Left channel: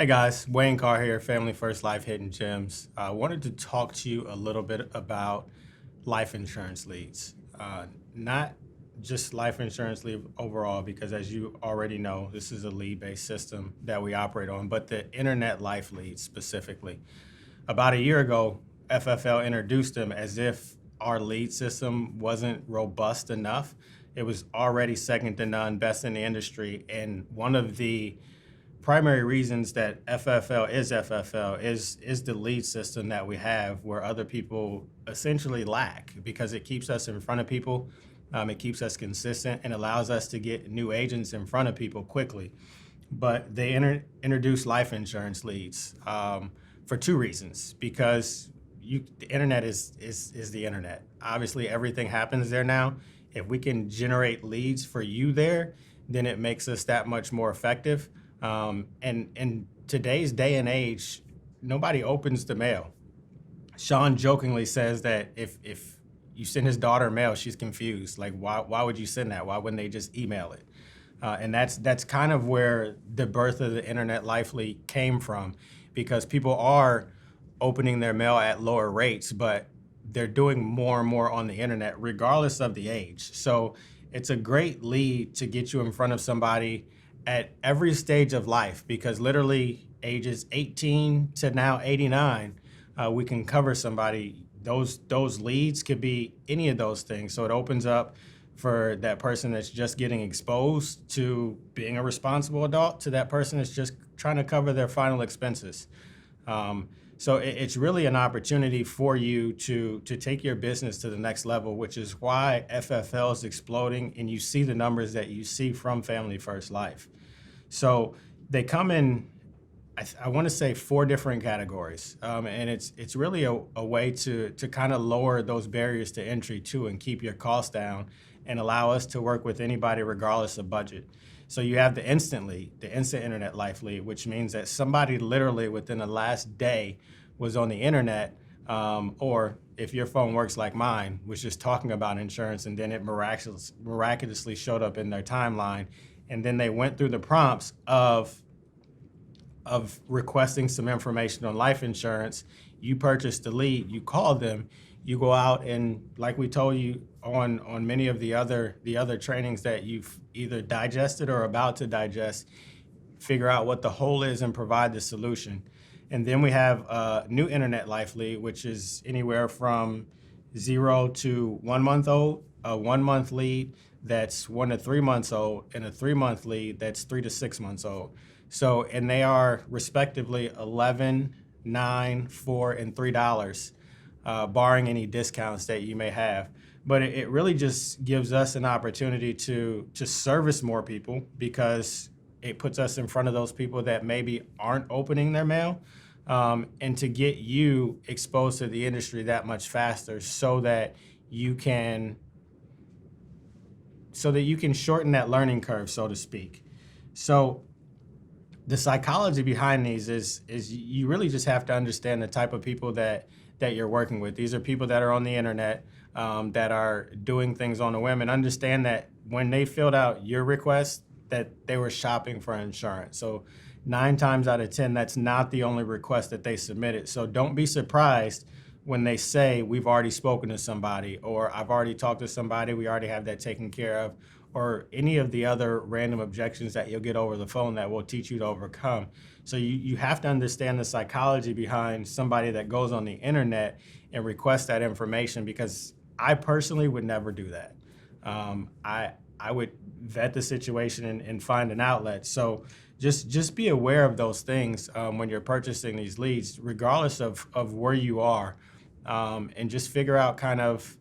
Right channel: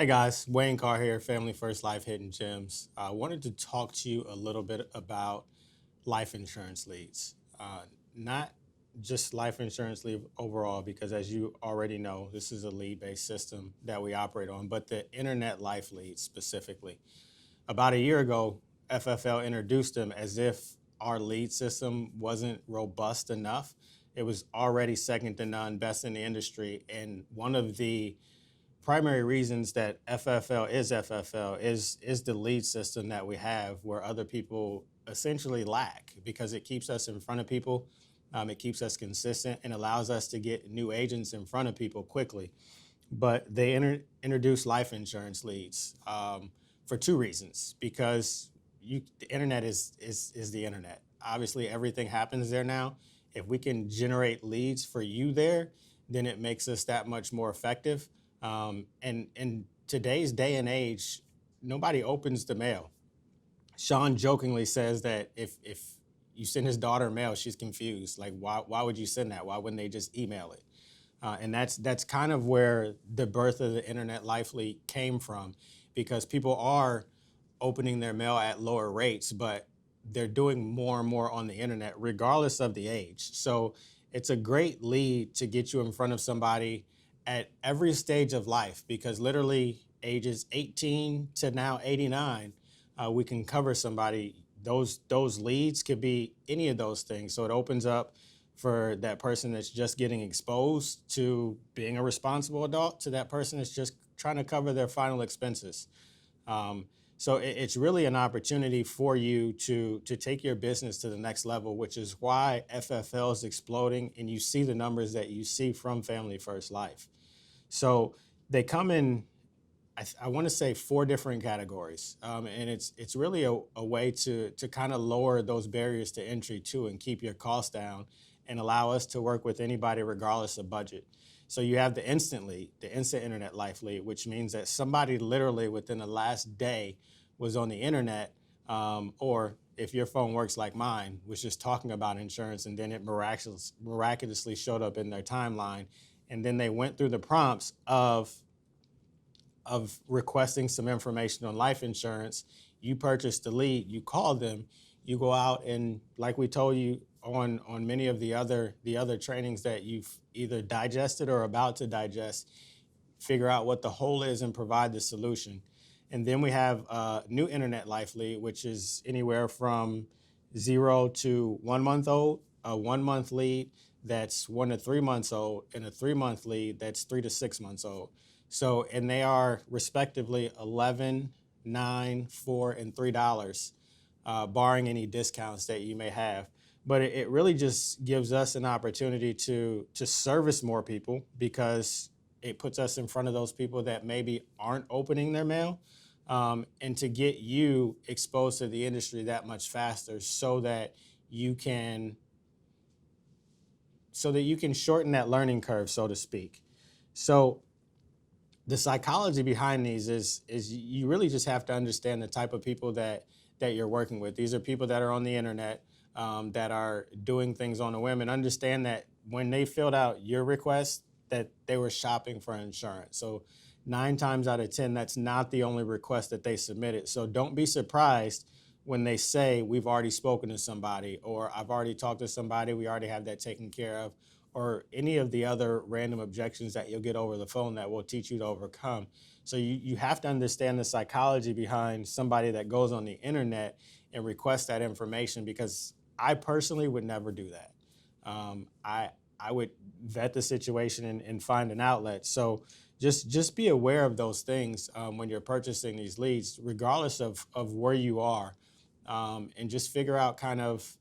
Hey guys, Wayne Carr here, Family First Life Hidden Gems. I wanted to talk to you a little bit about life insurance leads. Not just life insurance lead overall, because as you already know, this is a lead based system that we operate on, but the internet life leads specifically. About a year ago, FFL introduced them as if our lead system wasn't robust enough. It was already second to none, best in the industry. And one of the primary reasons that FFL is the lead system that we have where other people essentially lack because it keeps us in front of people. It keeps us consistent and allows us to get new agents in front of people quickly. But they introduce life insurance leads for two reasons. Because the internet is the internet. Obviously, everything happens there now. If we can generate leads for you there, then it makes us that much more effective. And in today's day and age, nobody opens the mail. Sean jokingly says that if you send his daughter mail, she's confused. Like, why would you send that? Why wouldn't they just email it? And that's kind of where the birth of the internet life lead came from, because people are opening their mail at lower rates, but they're doing more and more on the internet, regardless of the age. So it's a great lead to get you in front of somebody at every stage of life, because literally ages 18 to now 89, we can cover somebody. Those leads could be any of those things. So it opens up for that person that's just getting exposed to being a responsible adult to that person that's just trying to cover their final expenses. So it's really an opportunity for you to take your business to the next level, which is why FFL is exploding, and you see the numbers that you see from Family First Life. So they come in, I want to say, four different categories, and it's really a way to kind of lower those barriers to entry too, and keep your costs down, and allow us to work with anybody regardless of budget. So you have the instant lead, the instant internet life lead, which means that somebody literally within the last day was on the internet, or if your phone works like mine, was just talking about insurance, and then it miraculously showed up in their timeline, and then they went through the prompts of requesting some information on life insurance. You purchased the lead, you call them, you go out, and like we told you on many of the other trainings that you've either digested or about to digest, figure out what the hole is and provide the solution. And then we have a new internet life lead, which is anywhere from 0 to 1 month old, a 1 month lead that's 1 to 3 months old, and a 3 month lead that's 3 to 6 months old. So, and they are respectively 11, 9, 4, and $3, barring any discounts that you may have. But it really just gives us an opportunity to service more people, because it puts us in front of those people that maybe aren't opening their mail, and to get you exposed to the industry that much faster, so that you can shorten that learning curve, so to speak. So the psychology behind these is you really just have to understand the type of people that you're working with. These are people that are on the internet, that are doing things on a whim, and understand that when they filled out your request, that they were shopping for insurance. So 9 times out of 10, that's not the only request that they submitted. So don't be surprised when they say, we've already spoken to somebody, or I've already talked to somebody, we already have that taken care of, or any of the other random objections that you'll get over the phone that will teach you to overcome. So you have to understand the psychology behind somebody that goes on the internet and requests that information, because I personally would never do that. I would vet the situation and find an outlet. So just be aware of those things when you're purchasing these leads, regardless of where you are, and just figure out kind of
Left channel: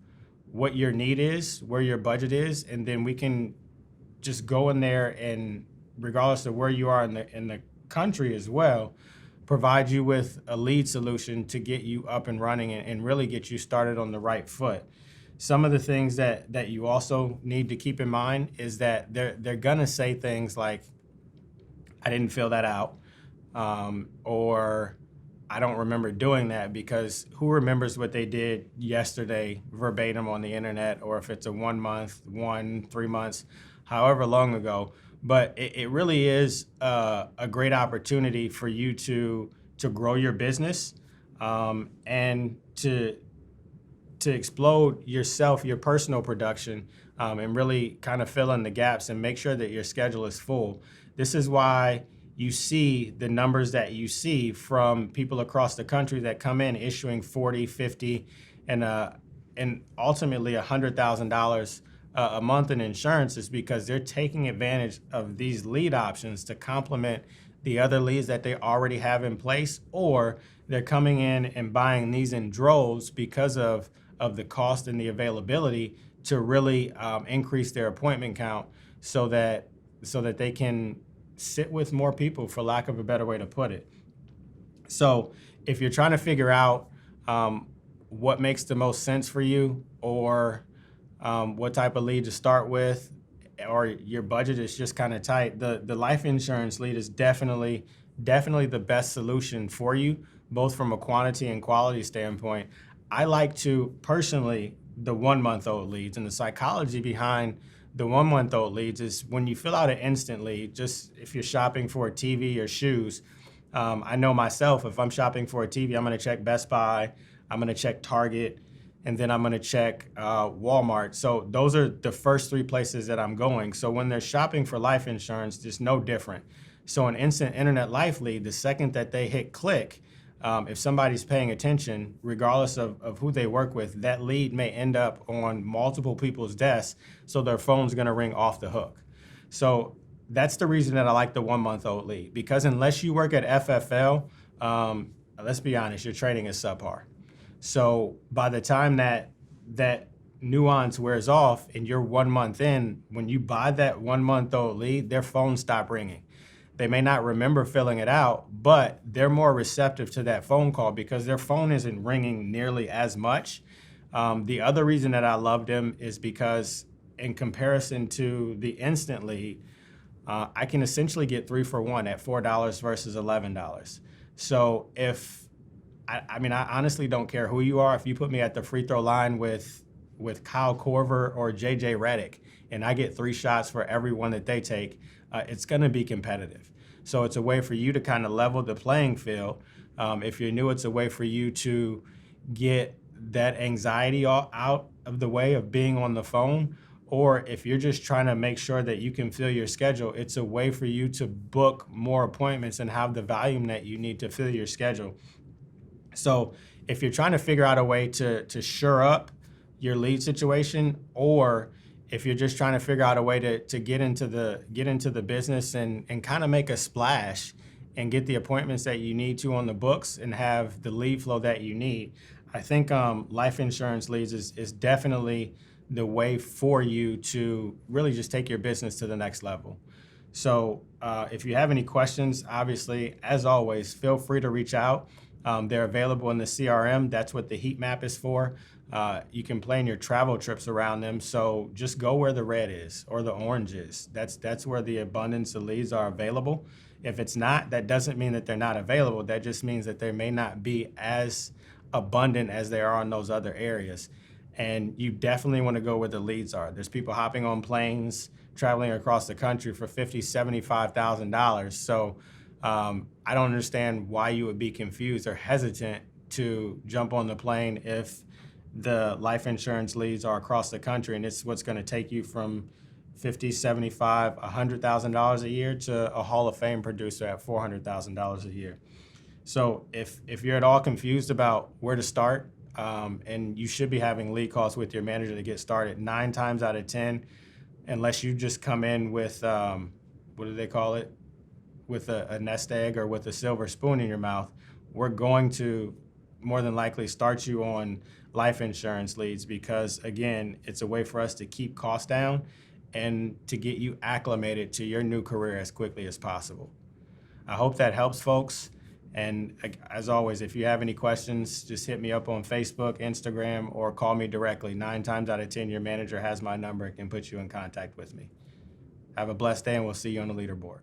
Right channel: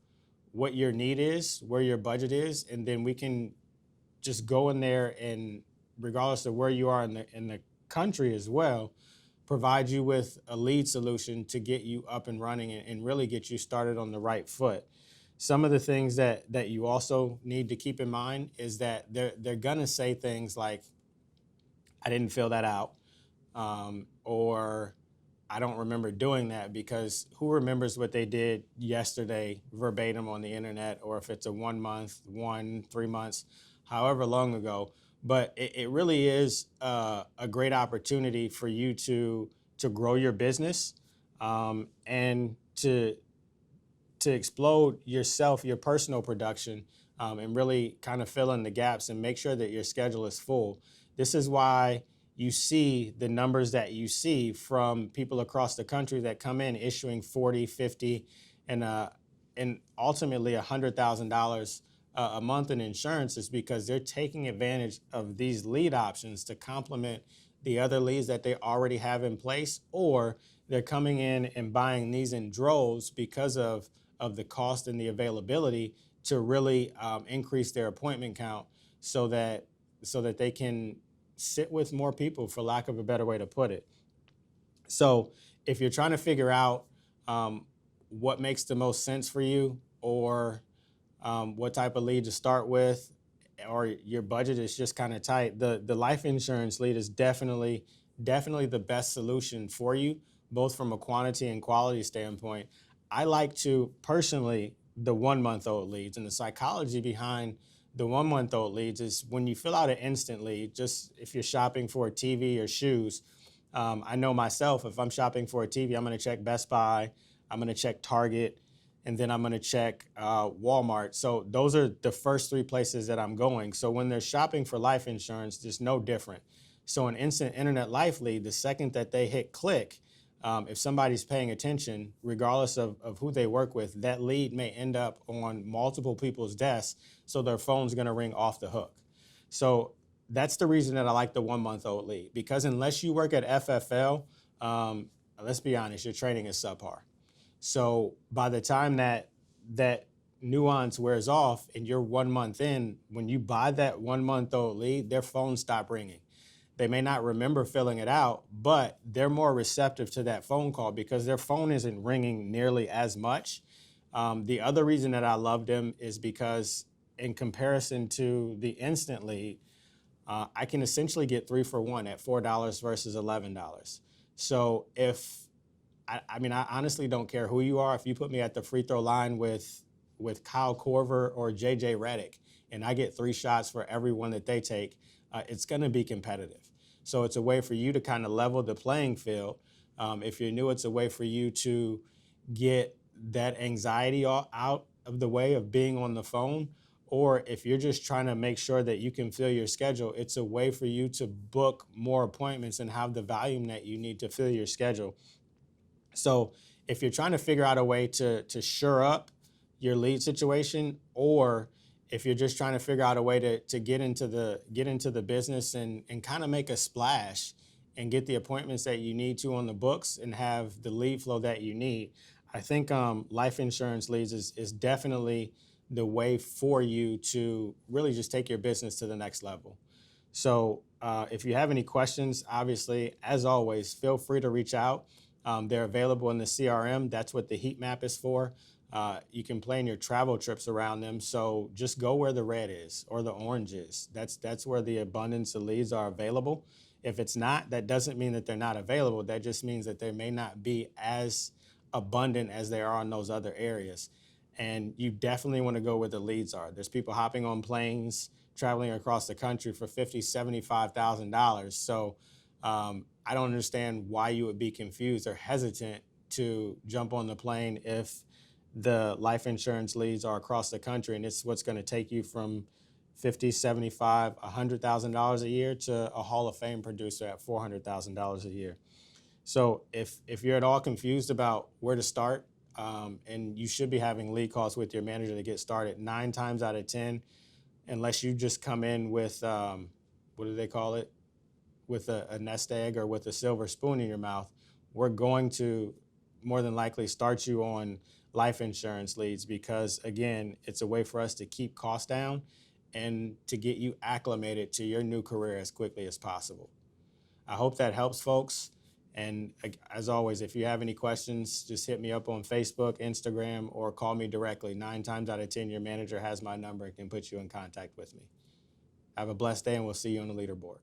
what your need is, where your budget is, and then we can just go in there and, regardless of where you are in the country as well, provide you with a lead solution to get you up and running and really get you started on the right foot. Some of the things that you also need to keep in mind is that they're gonna say things like, I didn't fill that out, or I don't remember doing that, because who remembers what they did yesterday verbatim on the internet, or if it's a 1 month, 3 months, however long ago. But it really is a great opportunity for you to grow your business, and to explode yourself, your personal production, and really kind of fill in the gaps and make sure that your schedule is full. This is why you see the numbers that you see from people across the country that come in issuing 40, 50, and ultimately $100,000 a month in insurance, is because they're taking advantage of these lead options to complement the other leads that they already have in place, or they're coming in and buying these in droves because of the cost and the availability to really increase their appointment count, so that they can sit with more people, for lack of a better way to put it. So if you're trying to figure out what makes the most sense for you, or what type of lead to start with, or your budget is just kind of tight, the life insurance lead is definitely the best solution for you, both from a quantity and quality standpoint. I like to personally the 1 month old leads, and the psychology behind the 1 month old leads is when you fill out an instant lead, just if you're shopping for a TV or shoes. I know myself, if I'm shopping for a TV, I'm going to check Best Buy, I'm going to check Target, and then I'm going to check Walmart. So those are the first three places that I'm going. So when they're shopping for life insurance, it's no different. So an instant internet life lead, the second that they hit click, if somebody's paying attention, regardless of who they work with, that lead may end up on multiple people's desks, so their phone's going to ring off the hook. So that's the reason that I like the 1 month old lead, because unless you work at FFL, let's be honest, your trading is subpar. So by the time that nuance wears off and you're 1 month in, when you buy that 1 month old lead, their phone stop ringing. They may not remember filling it out, but they're more receptive to that phone call because their phone isn't ringing nearly as much. The other reason that I love them is because, in comparison to the instant lead, I can essentially get 3 for 1 at $4 versus $11. So I mean, I honestly don't care who you are. If you put me at the free throw line with Kyle Korver or JJ Redick, and I get 3 shots for every one that they take, it's going to be competitive. So it's a way for you to kind of level the playing field. If you're new, it's a way for you to get that anxiety out of the way of being on the phone. Or if you're just trying to make sure that you can fill your schedule, it's a way for you to book more appointments and have the volume that you need to fill your schedule. So if you're trying to figure out a way to shore up your lead situation, or if you're just trying to figure out a way to get into the business and kind of make a splash and get the appointments that you need to on the books and have the lead flow that you need, I think life insurance leads is definitely the way for you to really just take your business to the next level. So if you have any questions, obviously, as always, feel free to reach out. They're available in the CRM. That's what the heat map is for. You can plan your travel trips around them. So just go where the red is or the orange is. That's where the abundance of leads are available. If it's not, that doesn't mean that they're not available. That just means that they may not be as abundant as they are in those other areas. And you definitely want to go where the leads are. There's people hopping on planes, traveling across the country for $50,000, $75,000. So I don't understand why you would be confused or hesitant to jump on the plane if the life insurance leads are across the country, and it's what's going to take you from $50,000, $75,000, $100,000 a year to a Hall of Fame producer at $400,000 a year. So if you're at all confused about where to start, and you should be having lead calls with your manager to get started, 9 times out of 10, unless you just come in with, what do they call it? With a nest egg or with a silver spoon in your mouth, we're going to more than likely start you on life insurance leads because, again, it's a way for us to keep costs down and to get you acclimated to your new career as quickly as possible. I hope that helps, folks. And as always, if you have any questions, just hit me up on Facebook, Instagram, or call me directly. 9 times out of 10, your manager has my number and can put you in contact with me. Have a blessed day, and we'll see you on the leaderboard.